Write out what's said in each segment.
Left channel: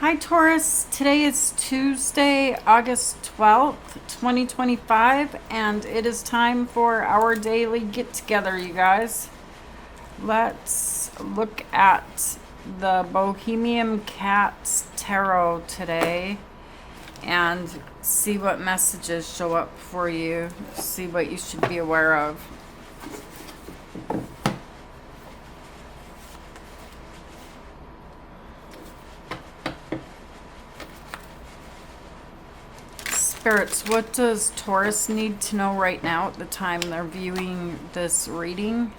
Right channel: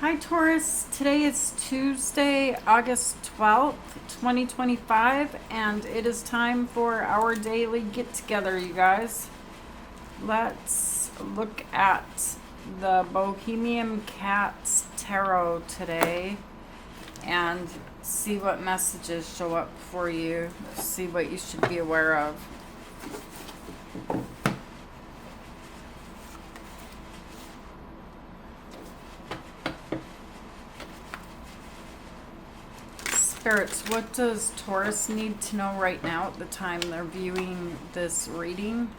Hi Taurus, today is Tuesday, August 12th, 2025, and it is time for our daily get together, you guys. Let's look at the Bohemian Cats Tarot today and see what messages show up for you, see what you should be aware of. Spirits, what does Taurus need to know right now at the time they're viewing this reading?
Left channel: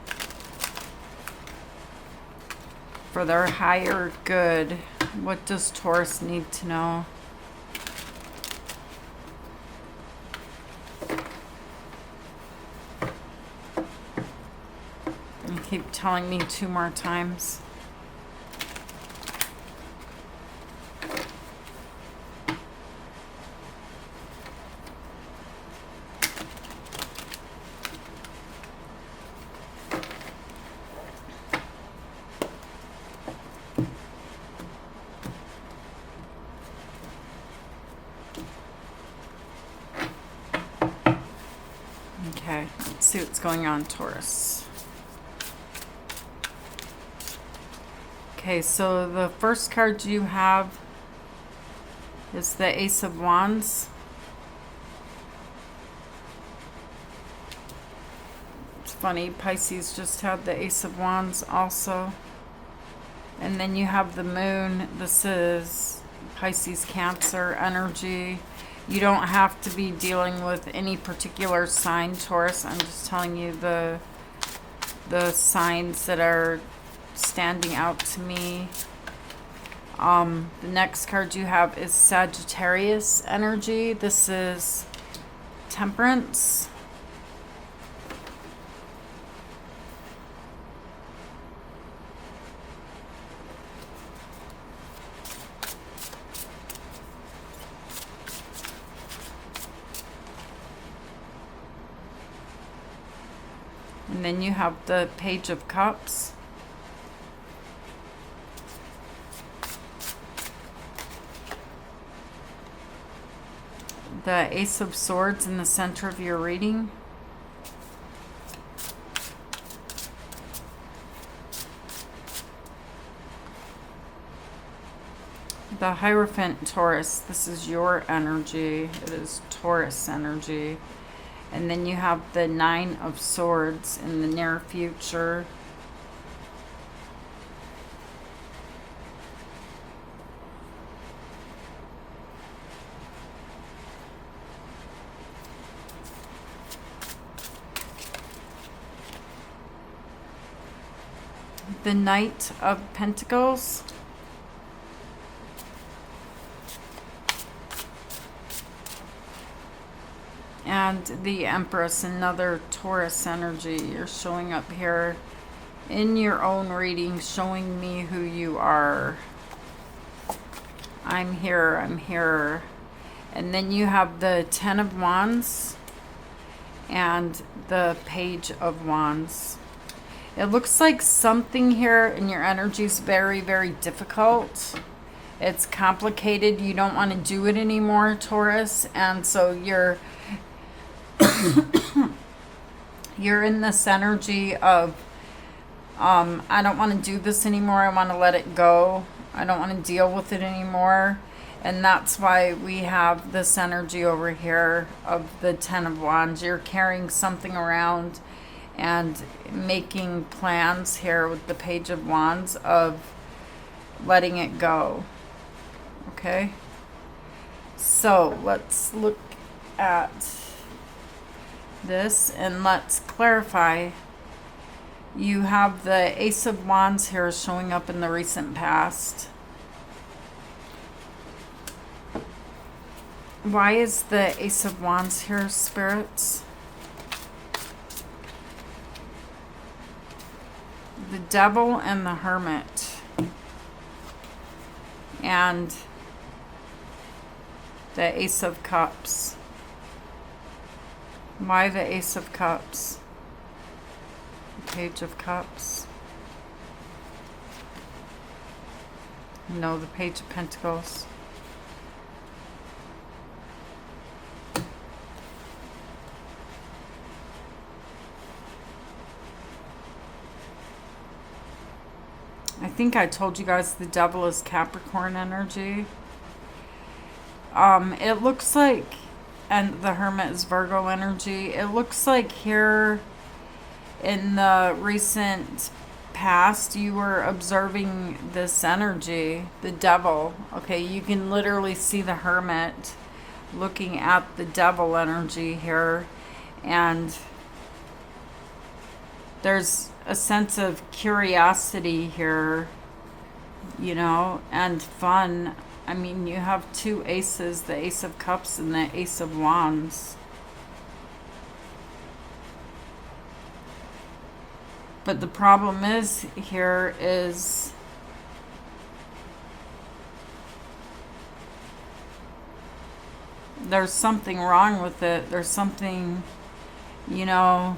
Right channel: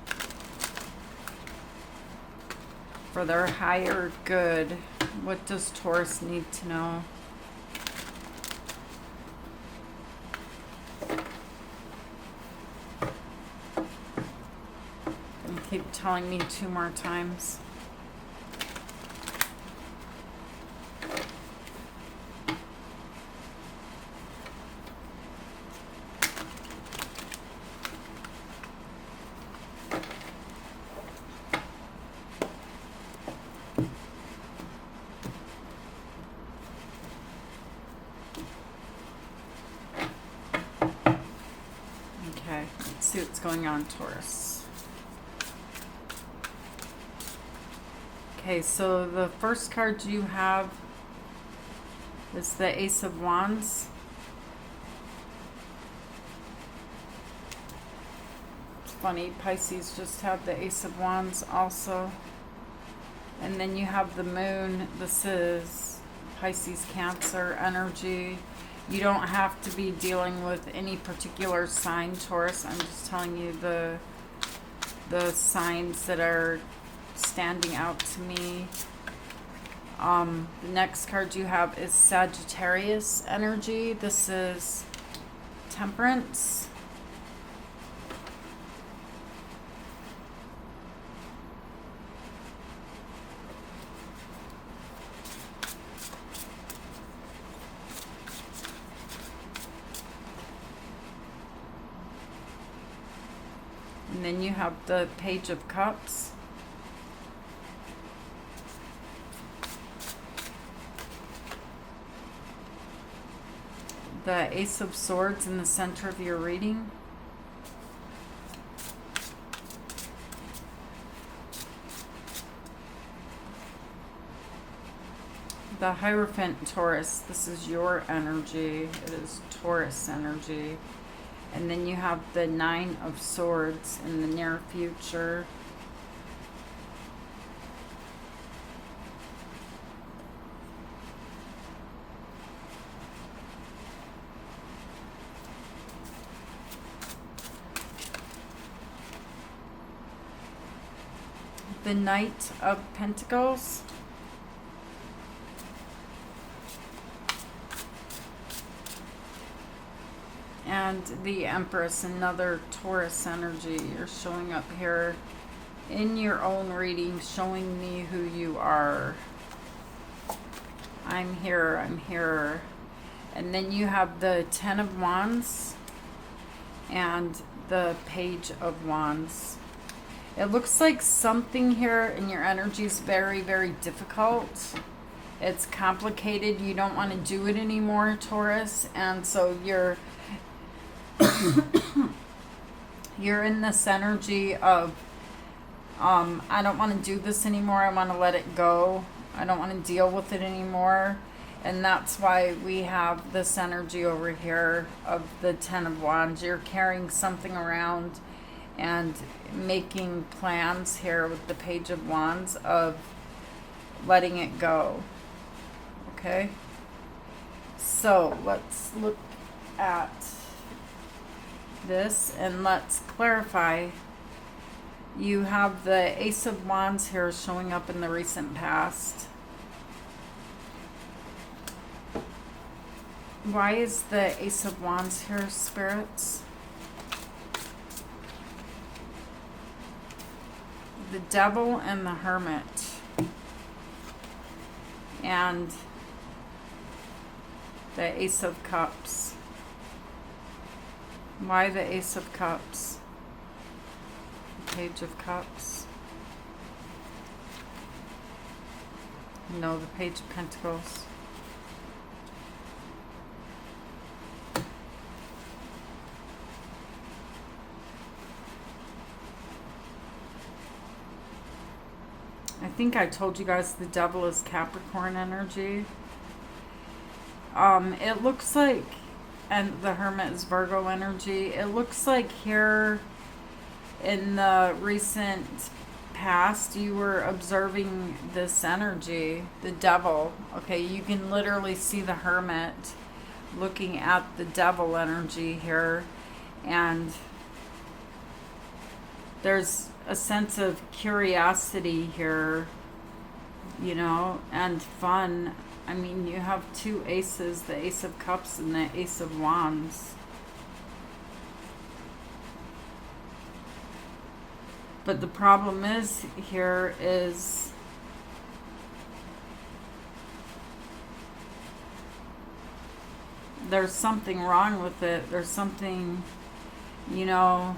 For their higher good, what does Taurus need to know? And keep telling me 2 more times. Okay, let's see what's going on, Taurus. Okay, so the first card you have is the Ace of Wands. It's funny, Pisces just had the Ace of Wands also. And then you have the Moon. This is Pisces Cancer energy. You don't have to be dealing with any particular sign, Taurus. I'm just telling you the signs that are standing out to me. The next card you have is Sagittarius energy. This is Temperance. And then you have the Page of Cups. The Ace of Swords in the center of your reading. The Hierophant, Taurus. This is your energy. It is Taurus energy. And then you have the Nine of Swords in the near future. The Knight of Pentacles. And the Empress, another Taurus energy. You're showing up here in your own reading, showing me who you are. I'm here, I'm here. And then you have the Ten of Wands and the Page of Wands. It looks like something here in your energy is very, very difficult. It's complicated. You don't want to do it anymore, Taurus. And so you're in this energy of, I don't want to do this anymore. I want to let it go. I don't want to deal with it anymore. And that's why we have this energy over here of the Ten of Wands. You're carrying something around and making plans here with the Page of Wands of letting it go. Okay? So let's look at this and let's clarify. You have the Ace of Wands here showing up in the recent past. Why is the Ace of Wands here, spirits? The Devil and the Hermit. And the Ace of Cups. Why the Ace of Cups? The Page of Cups. No, the Page of Pentacles. I think I told you guys the Devil is Capricorn energy. It looks like, and the Hermit is Virgo energy. It looks like here in the recent past you were observing this energy, the Devil. Okay, you can literally see the Hermit looking at the Devil energy here, and there's a sense of curiosity here, you know, and fun. I mean, you have two aces, the Ace of Cups and the Ace of Wands. But the problem is here is there's something wrong with it. There's something, you know,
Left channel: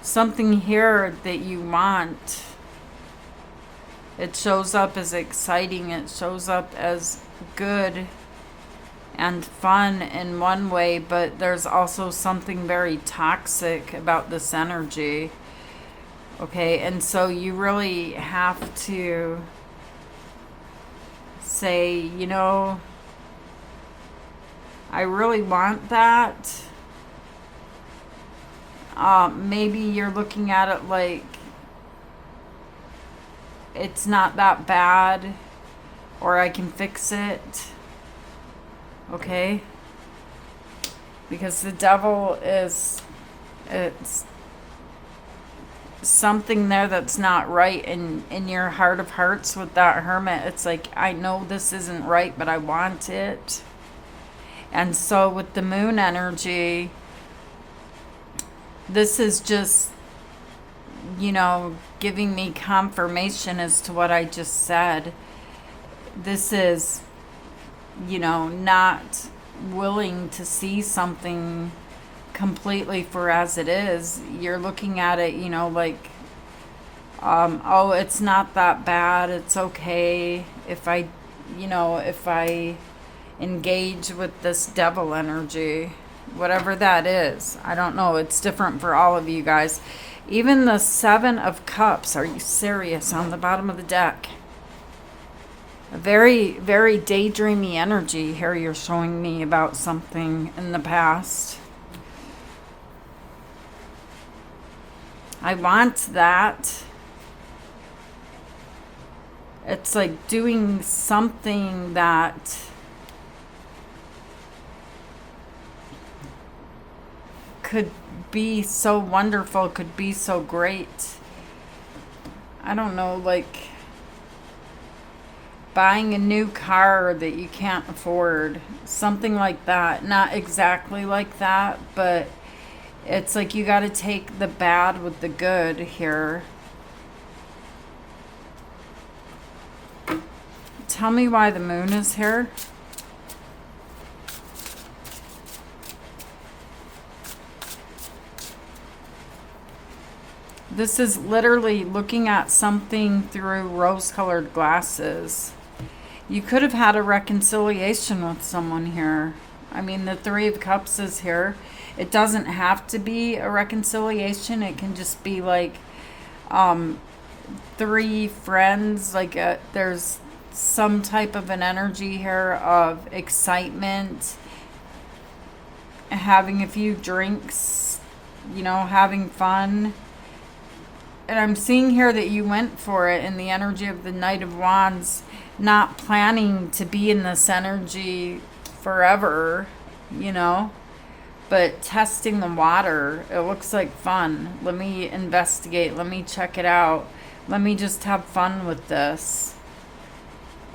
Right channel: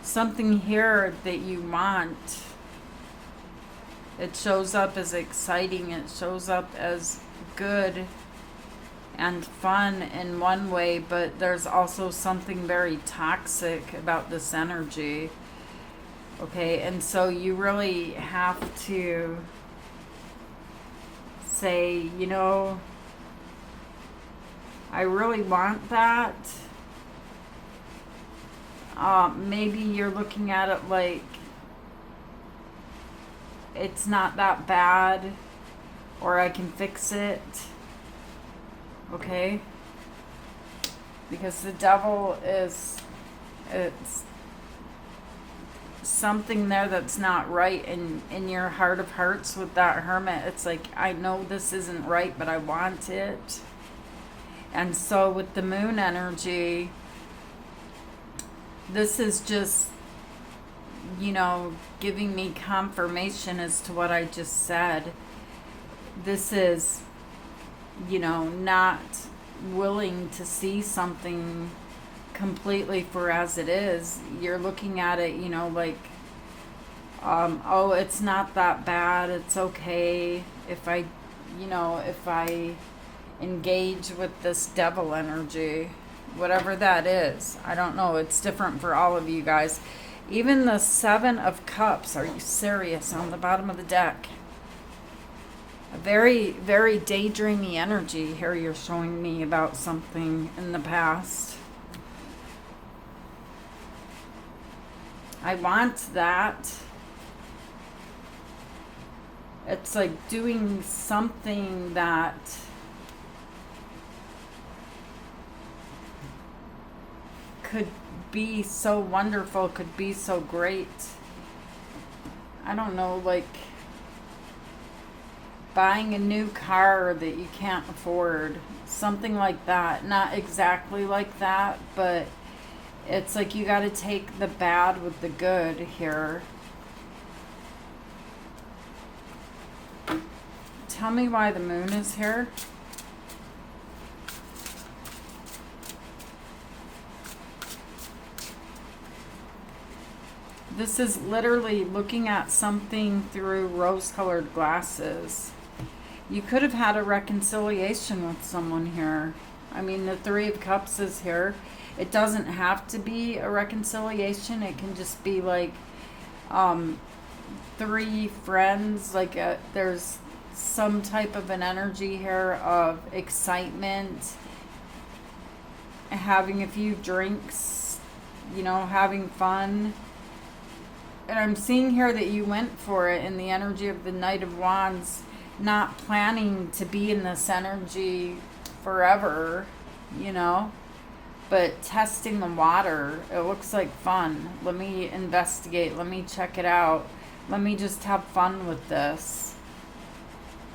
something here that you want. It shows up as exciting. It shows up as good and fun in one way, but there's also something very toxic about this energy. Okay, and so you really have to say, you know, I really want that. Maybe you're looking at it like it's not that bad, or I can fix it. Okay? Because the Devil is, it's something there that's not right in your heart of hearts with that Hermit. It's like, I know this isn't right, but I want it. And so with the Moon energy, this is just, you know, giving me confirmation as to what I just said. This is, you know, not willing to see something completely for as it is. You're looking at it, you know, like, oh, it's not that bad. It's okay if I, you know, if I engage with this Devil energy, whatever that is. I don't know. It's different for all of you guys. Even the Seven of Cups, are you serious, on the bottom of the deck? A very, very daydreamy energy here you're showing me about something in the past. I want that. It's like doing something that could be so wonderful, could be so great. I don't know, like buying a new car that you can't afford, something like that. Not exactly like that, but it's like you got to take the bad with the good here. Tell me why the Moon is here. This is literally looking at something through rose-colored glasses. You could have had a reconciliation with someone here. I mean, the Three of Cups is here. It doesn't have to be a reconciliation. It can just be like three friends. Like there's some type of an energy here of excitement, having a few drinks, you know, having fun. And I'm seeing here that you went for it in the energy of the Knight of Wands, not planning to be in this energy forever, you know, but testing the water. It looks like fun. Let me investigate. Let me check it out. Let me just have fun with this.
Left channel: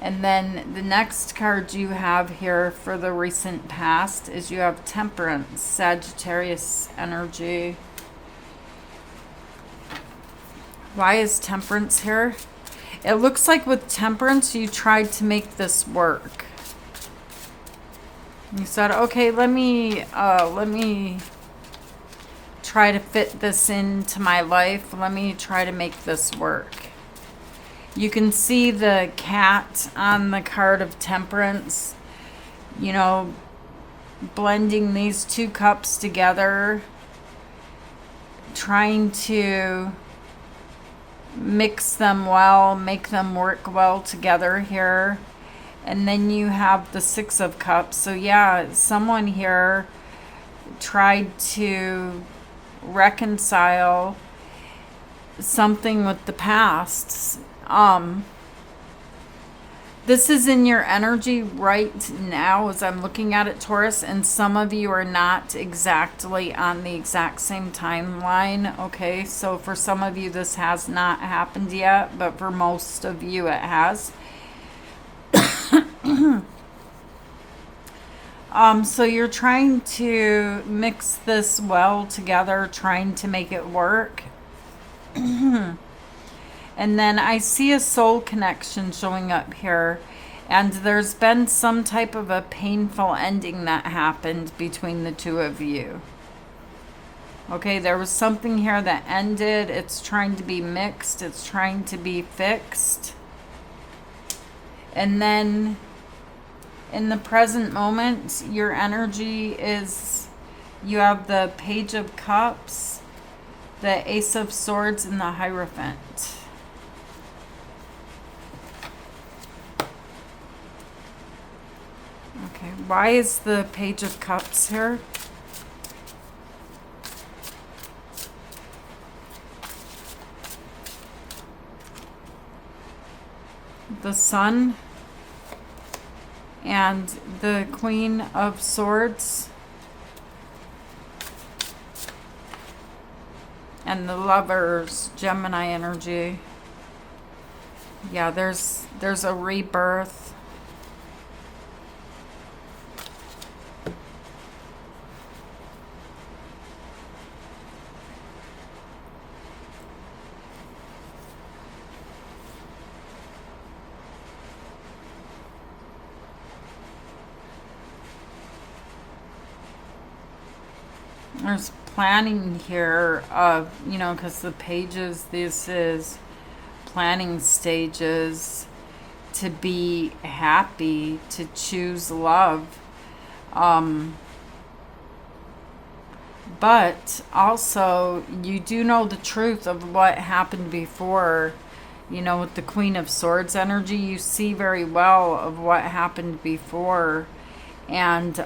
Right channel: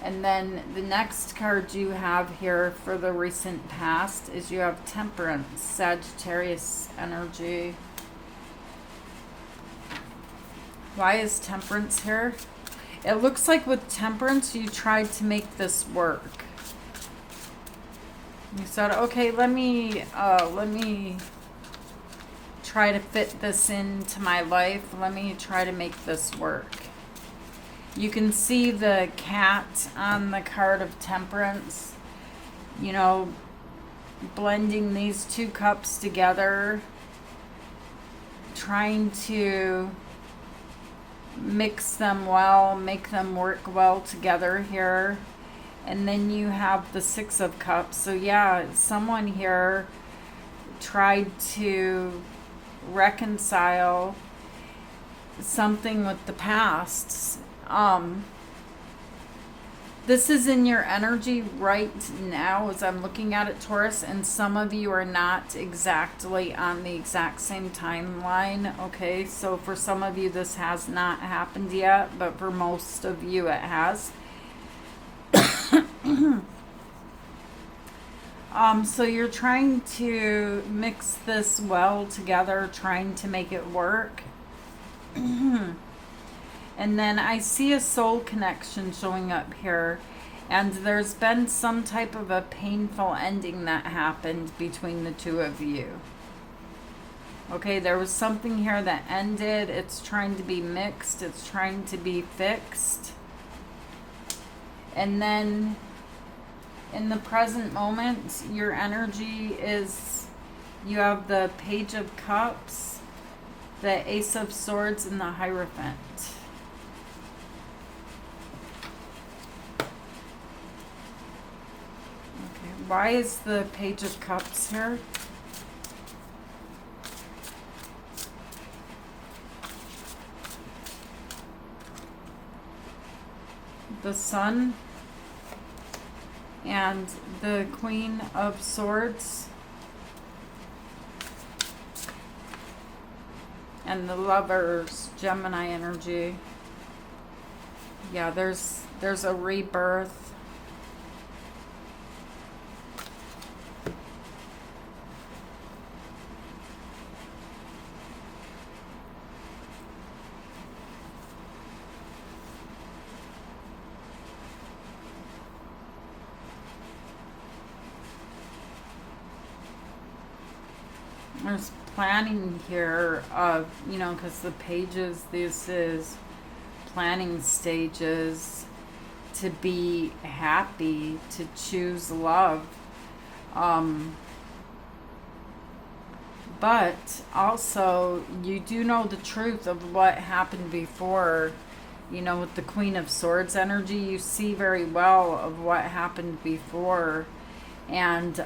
And then the next card you have here for the recent past is you have Temperance, Sagittarius energy. Why is Temperance here? It looks like with Temperance, you tried to make this work. You said, okay, let me try to fit this into my life. Let me try to make this work. You can see the cat on the card of Temperance, you know, blending these two cups together, trying to mix them well, make them work well together here. And then you have the Six of Cups. So yeah, someone here tried to reconcile something with the past. This is in your energy right now as I'm looking at it, Taurus, and some of you are not exactly on the exact same timeline, okay? So for some of you, this has not happened yet, but for most of you, it has. So you're trying to mix this well together, trying to make it work. And then I see a soul connection showing up here. And there's been some type of a painful ending that happened between the two of you. Okay, there was something here that ended. It's trying to be mixed. It's trying to be fixed. And then in the present moment, your energy is, you have the Page of Cups, the Ace of Swords, and the Hierophant. Okay, why is the Page of Cups here? The Sun and the Queen of Swords and the Lovers, Gemini energy. Yeah, there's a rebirth. There's planning here of, you know, because the pages, this is planning stages to be happy, to choose love. But also, you do know the truth of what happened before. You know, with the Queen of Swords energy, you see very well of what happened before. And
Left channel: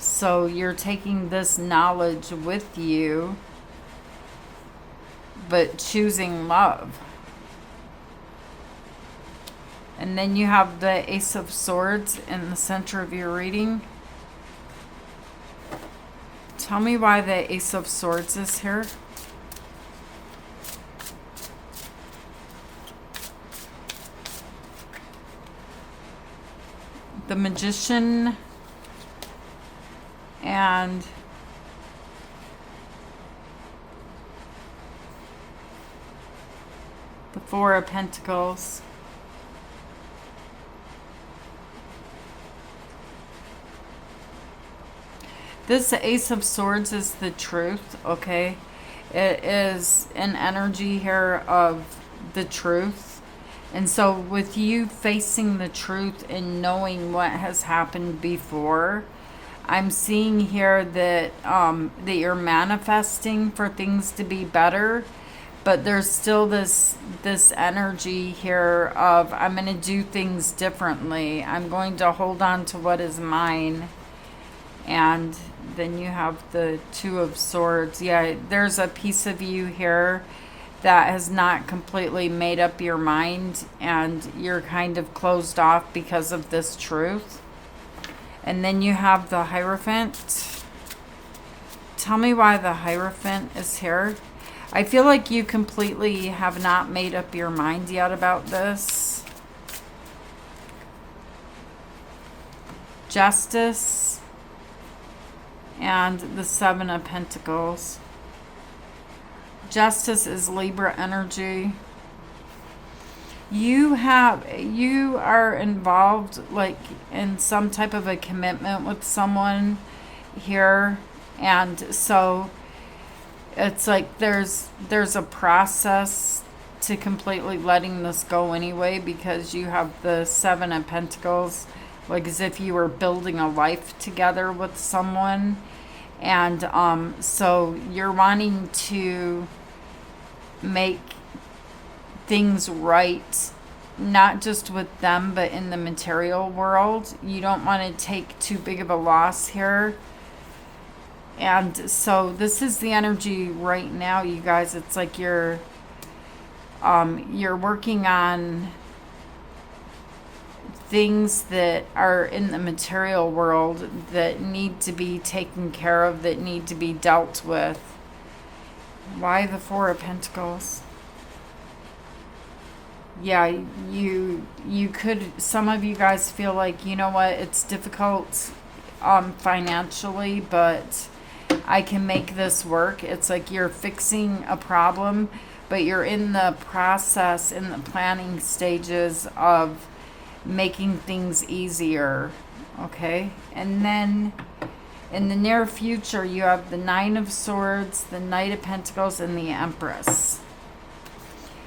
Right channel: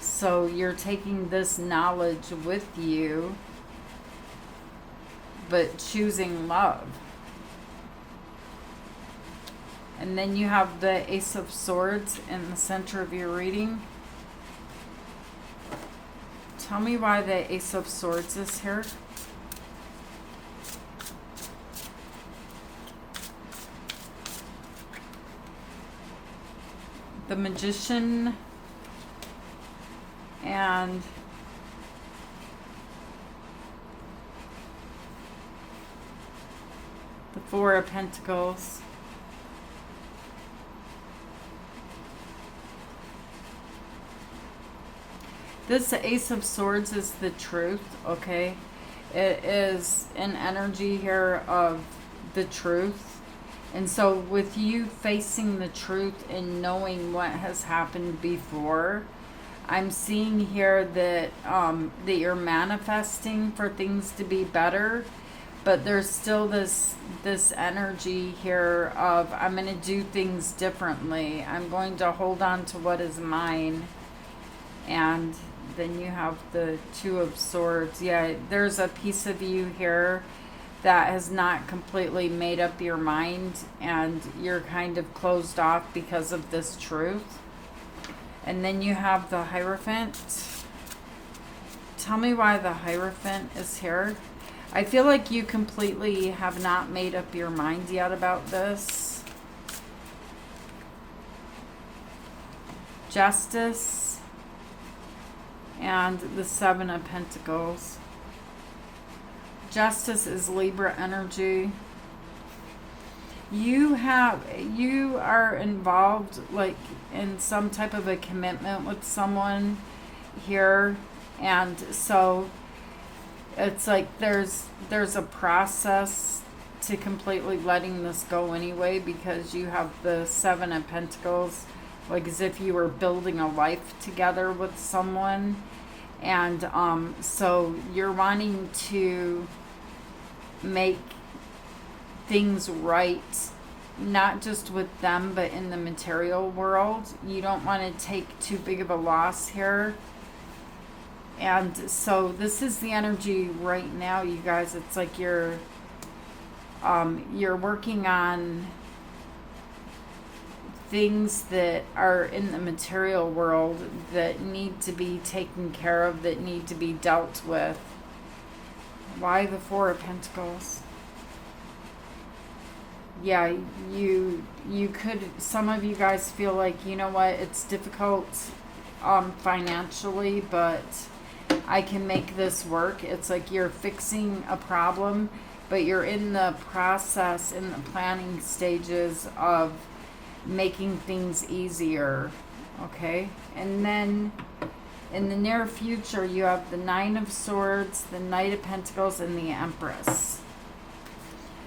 so you're taking this knowledge with you, but choosing love. And then you have the Ace of Swords in the center of your reading. Tell me why the Ace of Swords is here. The Magician and the Four of Pentacles. This Ace of Swords is the truth, okay? It is an energy here of the truth. And so with you facing the truth and knowing what has happened before, I'm seeing here that that you're manifesting for things to be better, but there's still this energy here of I'm going to do things differently. I'm going to hold on to what is mine. And then you have the Two of Swords. Yeah, there's a piece of you here that has not completely made up your mind, and you're kind of closed off because of this truth. And then you have the Hierophant. Tell me why the Hierophant is here. I feel like you completely have not made up your mind yet about this. Justice and the Seven of Pentacles. Justice is Libra energy. You are involved like in some type of a commitment with someone here, and so it's like there's a process to completely letting this go anyway, because you have the Seven of Pentacles, like as if you were building a life together with someone. And so you're wanting to make things right, not just with them, but in the material world. You don't want to take too big of a loss here. And so this is the energy right now, you guys. It's like you're working on things that are in the material world that need to be taken care of, that need to be dealt with. Why the Four of Pentacles? Yeah, you could, some of you guys feel like, you know what, it's difficult financially, but I can make this work. It's like you're fixing a problem, but you're in the process, in the planning stages of making things easier. Okay? And then in the near future, you have the Nine of Swords, the Knight of Pentacles, and the Empress.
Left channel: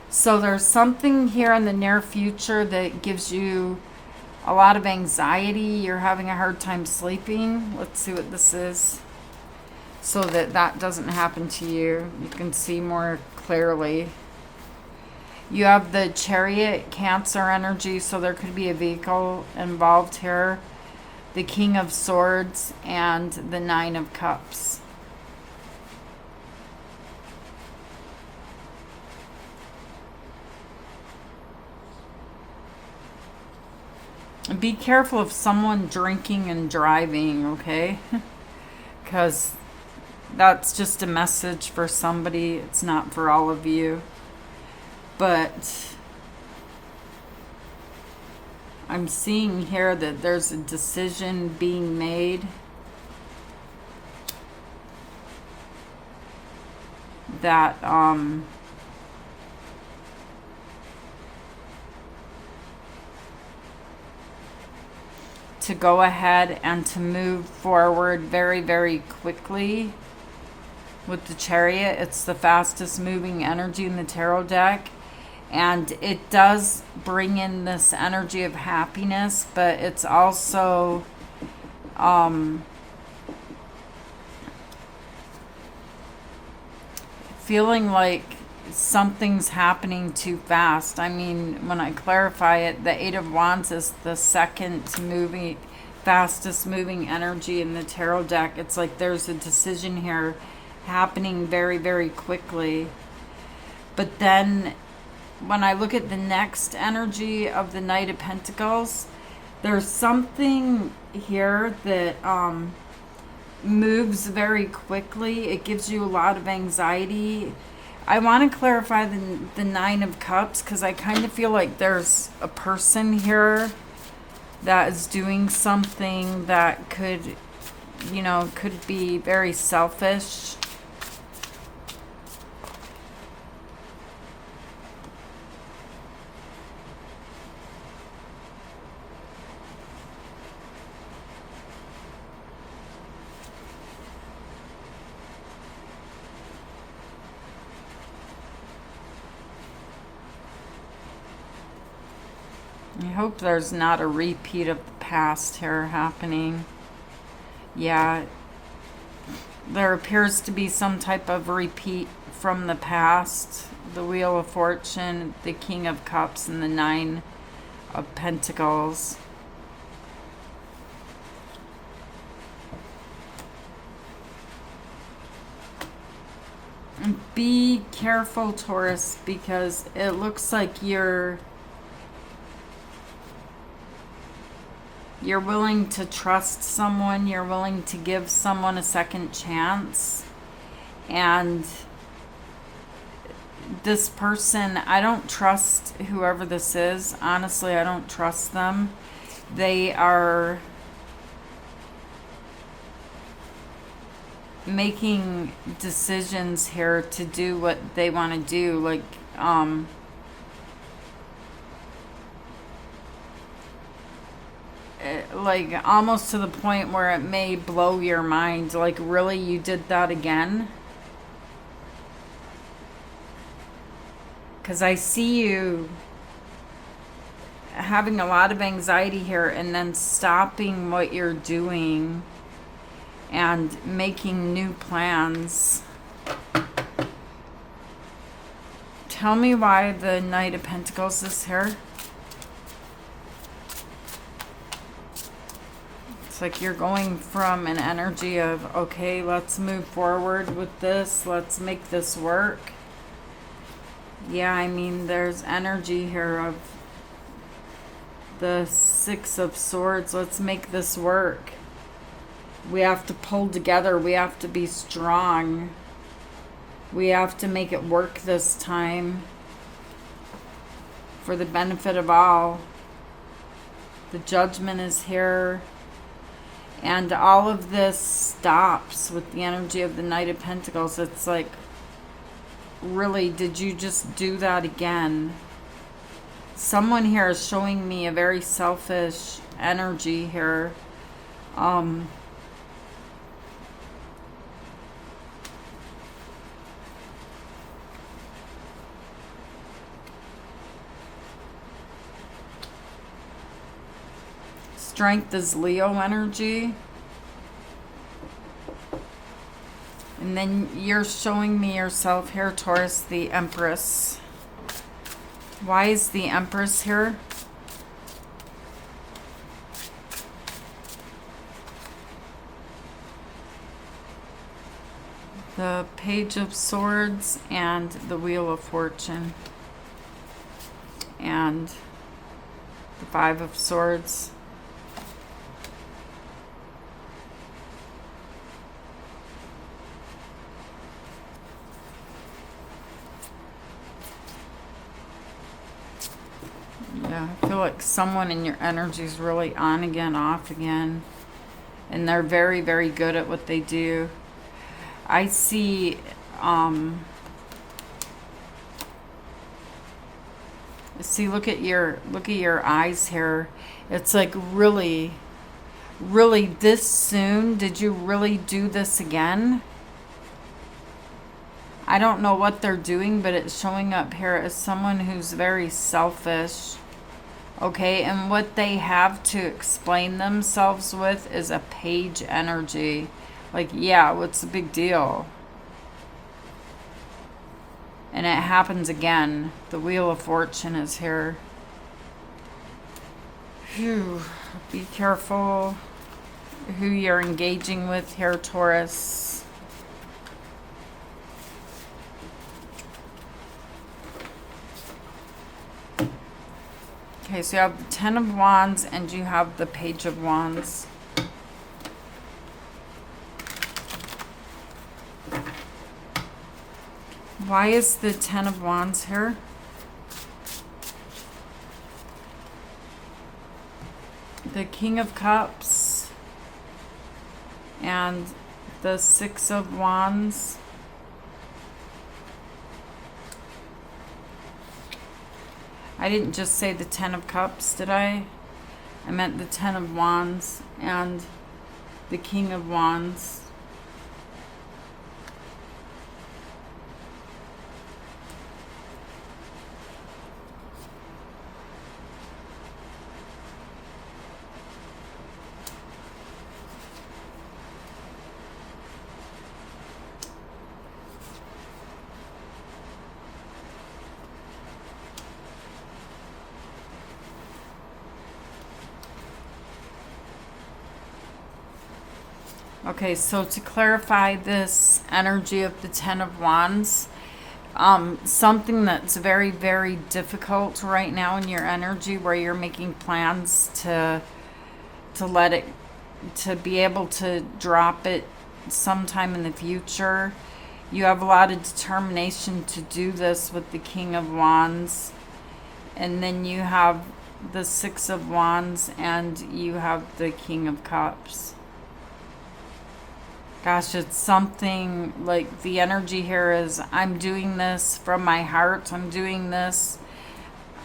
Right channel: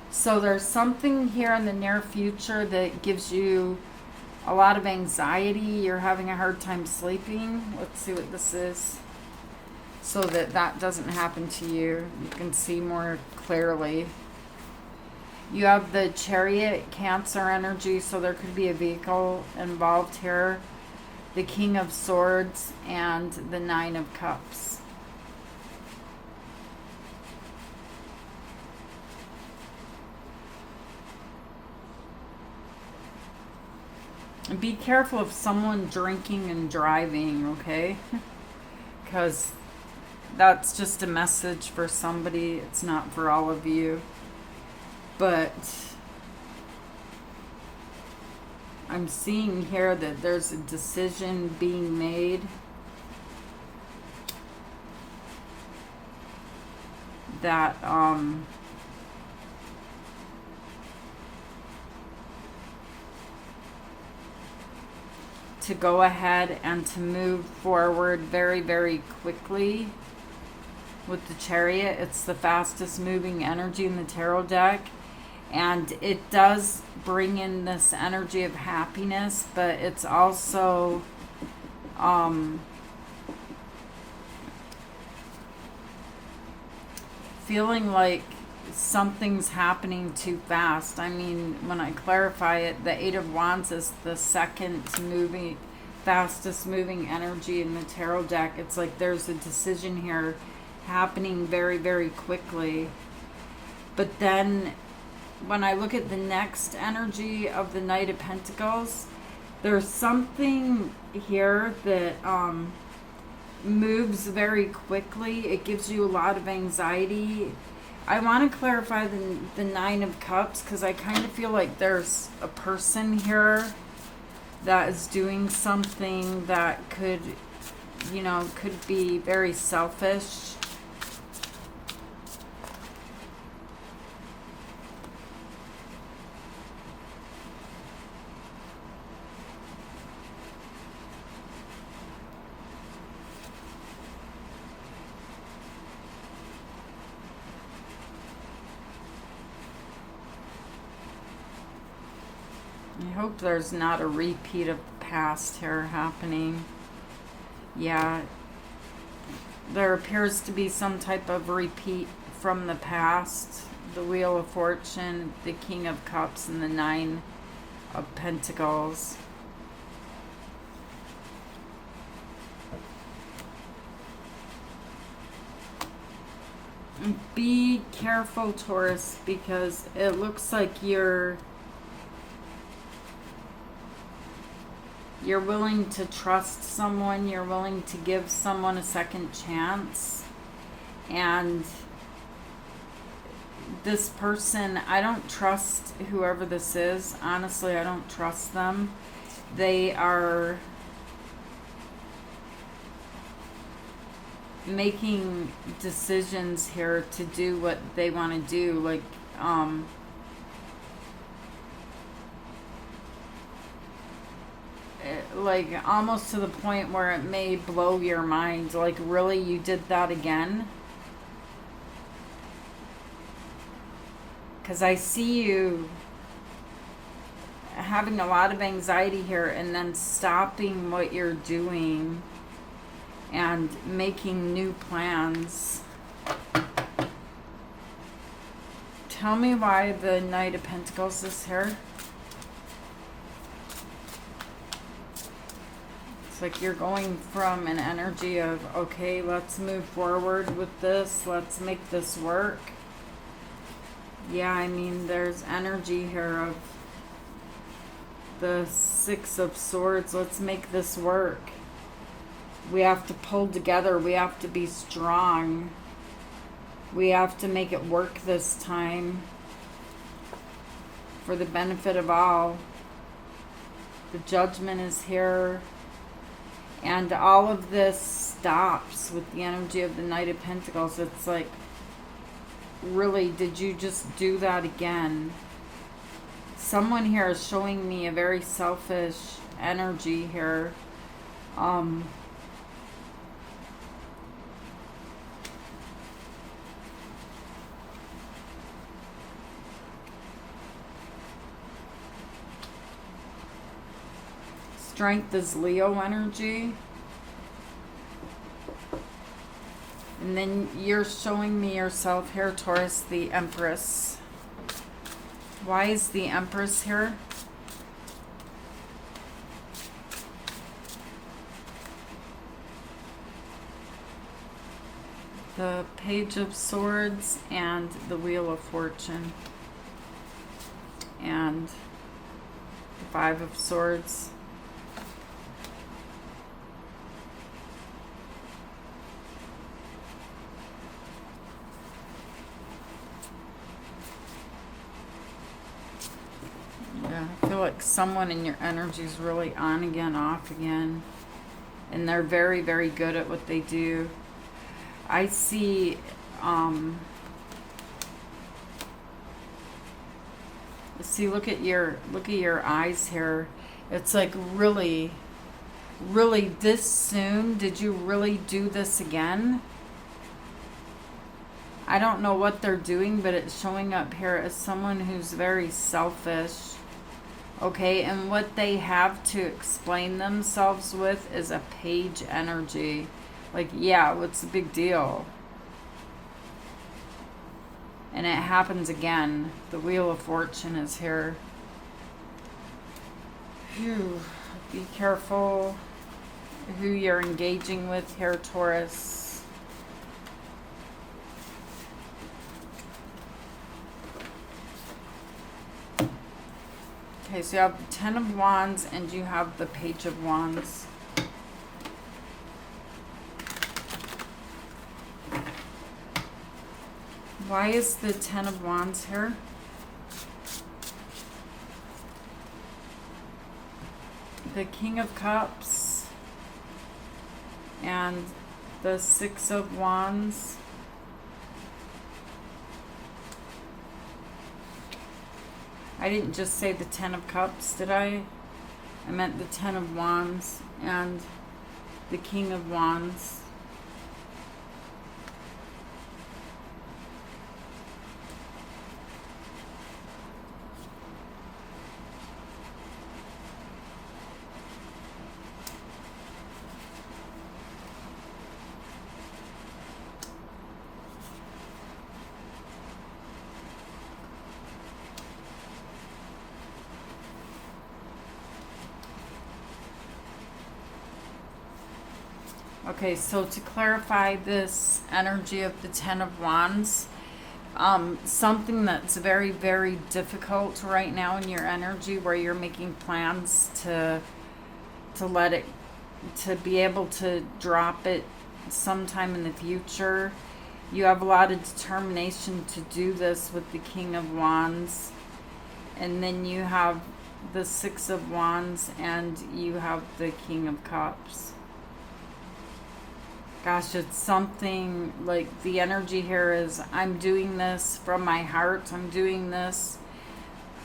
So there's something here in the near future that gives you a lot of anxiety. You're having a hard time sleeping. Let's see what this is, so that that doesn't happen to you. You can see more clearly. You have the Chariot, Cancer energy, so there could be a vehicle involved here. The King of Swords and the Nine of Cups. Be careful of someone drinking and driving, okay? Because that's just a message for somebody. It's not for all of you. But I'm seeing here that there's a decision being made that to go ahead and to move forward very, very quickly with the Chariot. It's the fastest moving energy in the tarot deck. And it does bring in this energy of happiness, but it's also feeling like something's happening too fast. I mean, when I clarify it, the Eight of Wands is the fastest moving energy in the tarot deck. It's like there's a decision here happening very, very quickly. But then when I look at the next energy of the Knight of Pentacles, there's something here that moves very quickly. It gives you a lot of anxiety. I want to clarify the Nine of Cups, because I kind of feel like there's a person here that is doing something that could, you know, could be very selfish. I hope there's not a repeat of the past here happening. Yeah, there appears to be some type of repeat from the past. The Wheel of Fortune, the King of Cups, and the Nine of Pentacles. And be careful, Taurus, because it looks like you're willing to trust someone, you're willing to give someone a second chance. And this person, I don't trust whoever this is. Honestly, I don't trust them. They are making decisions here to do what they want to do. Like almost to the point where it may blow your mind. Like, really, you did that again? Because I see you having a lot of anxiety here and then stopping what you're doing and making new plans. Tell me why the Knight of Pentacles is here. It's like you're going from an energy of, okay, let's move forward with this. Let's make this work. Yeah, I mean, there's energy here of the Six of Swords. Let's make this work. We have to pull together. We have to be strong. We have to make it work this time for the benefit of all. The Judgment is here. And all of this stops with the energy of the Knight of Pentacles. It's like, really, did you just do that again? Someone here is showing me a very selfish energy here. Strength is Leo energy. And then you're showing me yourself here, Taurus, the Empress. Why is the Empress here? The Page of Swords and the Wheel of Fortune. And the Five of Swords. Yeah, I feel like someone in your energy is really on again, off again. And they're very, very good at what they do. I see, look at your eyes here. It's like, really this soon? Did you really do this again? I don't know what they're doing, but it's showing up here as someone who's very selfish. Okay, and what they have to explain themselves with is a Page energy. Like, yeah, what's the big deal? And it happens again. The Wheel of Fortune is here. Phew. Be careful who you're engaging with here, Taurus. Okay, so you have the Ten of Wands and you have the Page of Wands. Why is the Ten of Wands here? The King of Cups and the Six of Wands. I didn't just say the Ten of Cups, did I? I meant the Ten of Wands and the King of Wands. Okay, so to clarify this energy of the Ten of Wands, something that's very, very difficult right now in your energy where you're making plans to let it, to be able to drop it sometime in the future. You have a lot of determination to do this with the King of Wands. And then you have the Six of Wands and you have the King of Cups. Gosh, it's something like the energy here is, I'm doing this from my heart. I'm doing this.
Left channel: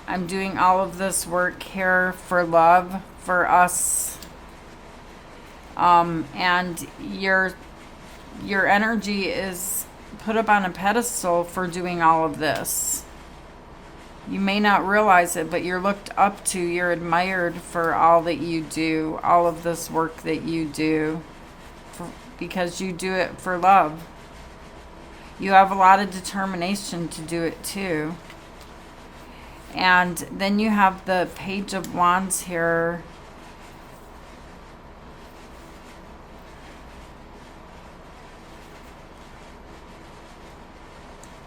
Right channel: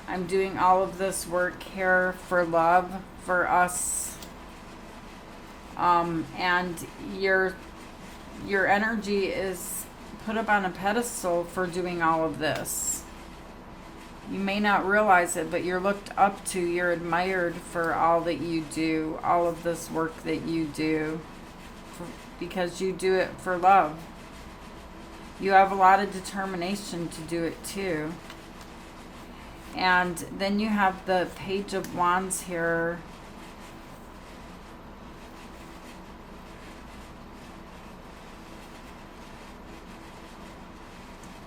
I'm doing all of this work here for love, for us. And your energy is put up on a pedestal for doing all of this. You may not realize it, but you're looked up to, you're admired for all that you do, all of this work that you do, because you do it for love. You have a lot of determination to do it too. And then you have the Page of Wands here.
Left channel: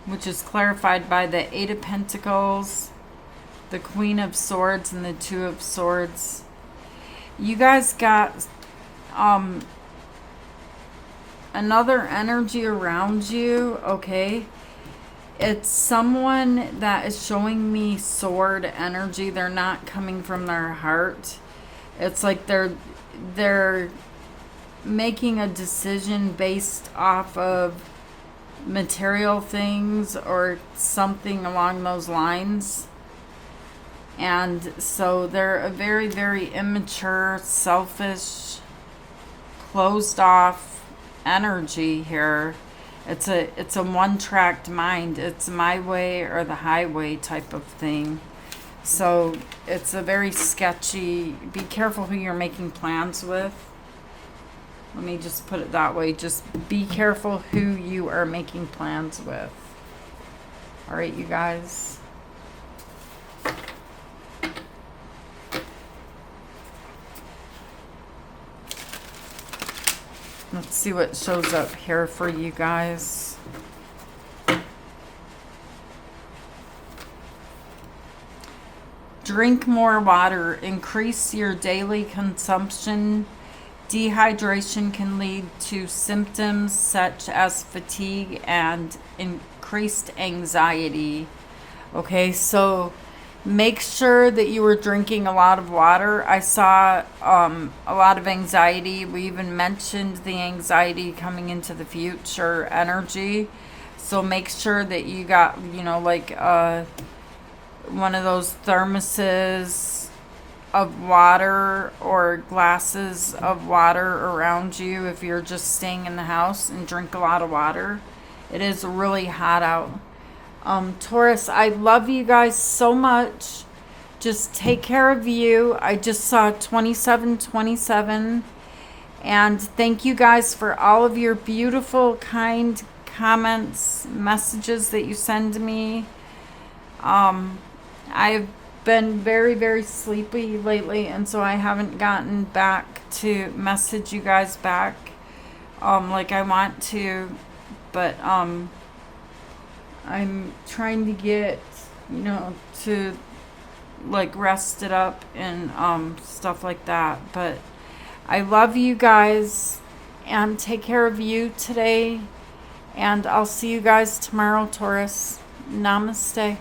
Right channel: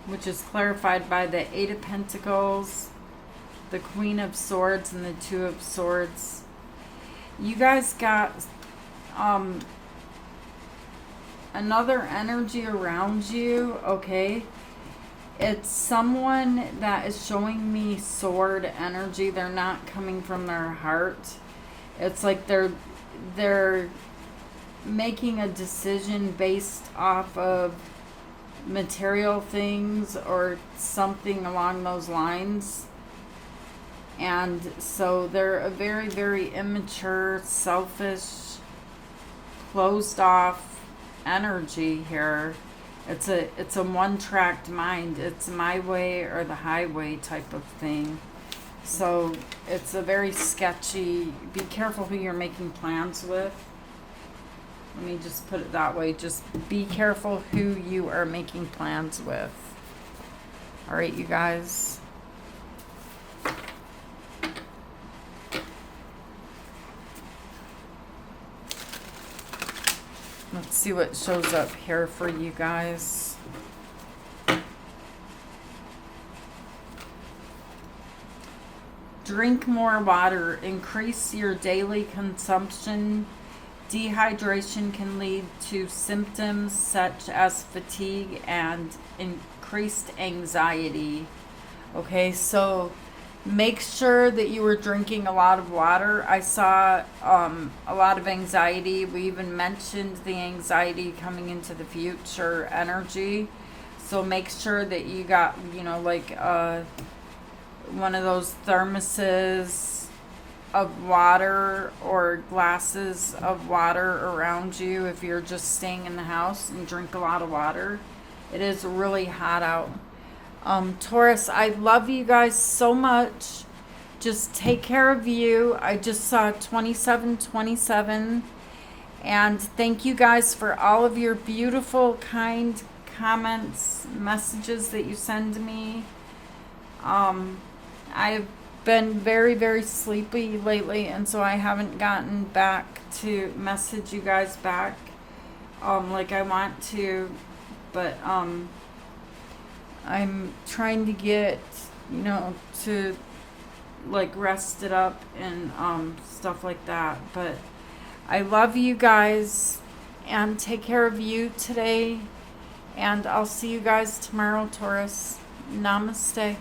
Which is clarified by the Eight of Pentacles, the Queen of Swords, and the Two of Swords. You guys got another energy around you, okay? It's someone that is showing me sword energy. They're not coming from their heart. It's like they're making a decision based off of material things or something along those lines. And so they're a very, very immature, selfish, closed off energy here. It's a one-tracked mind. It's my way or the highway type of thing. So it's a very sketchy, be careful who you're making plans with. Let me just put it that way. Just be careful who you are making plans with. All right, you guys. Let's see what shows up here for you guys. Drink more water. Increase your daily consumption. Dehydration can lead to symptoms such as fatigue and increased anxiety. Okay, so make sure that you were drinking a lot of water. I saw a lot of anxiety. We even mentioned the anxiety coming into the future energy. So make sure that you got, you know, like one of those thermoses of water or glasses of water around you if you're just staying in the house, and drink a lot of water. It is really hot out. Taurus, I love you guys so much. Just take care of you. I just saw 2727. And thank you guys for all of your beautiful, kind comments, messages that you send me. I've been very, very sleepy lately, and so I haven't gotten back to message you guys back like I want to, but I'm trying to get, you know, to like rest it up and stuff like that. But I love you guys, and take care of you today, and I'll see you guys tomorrow, Taurus. Namaste.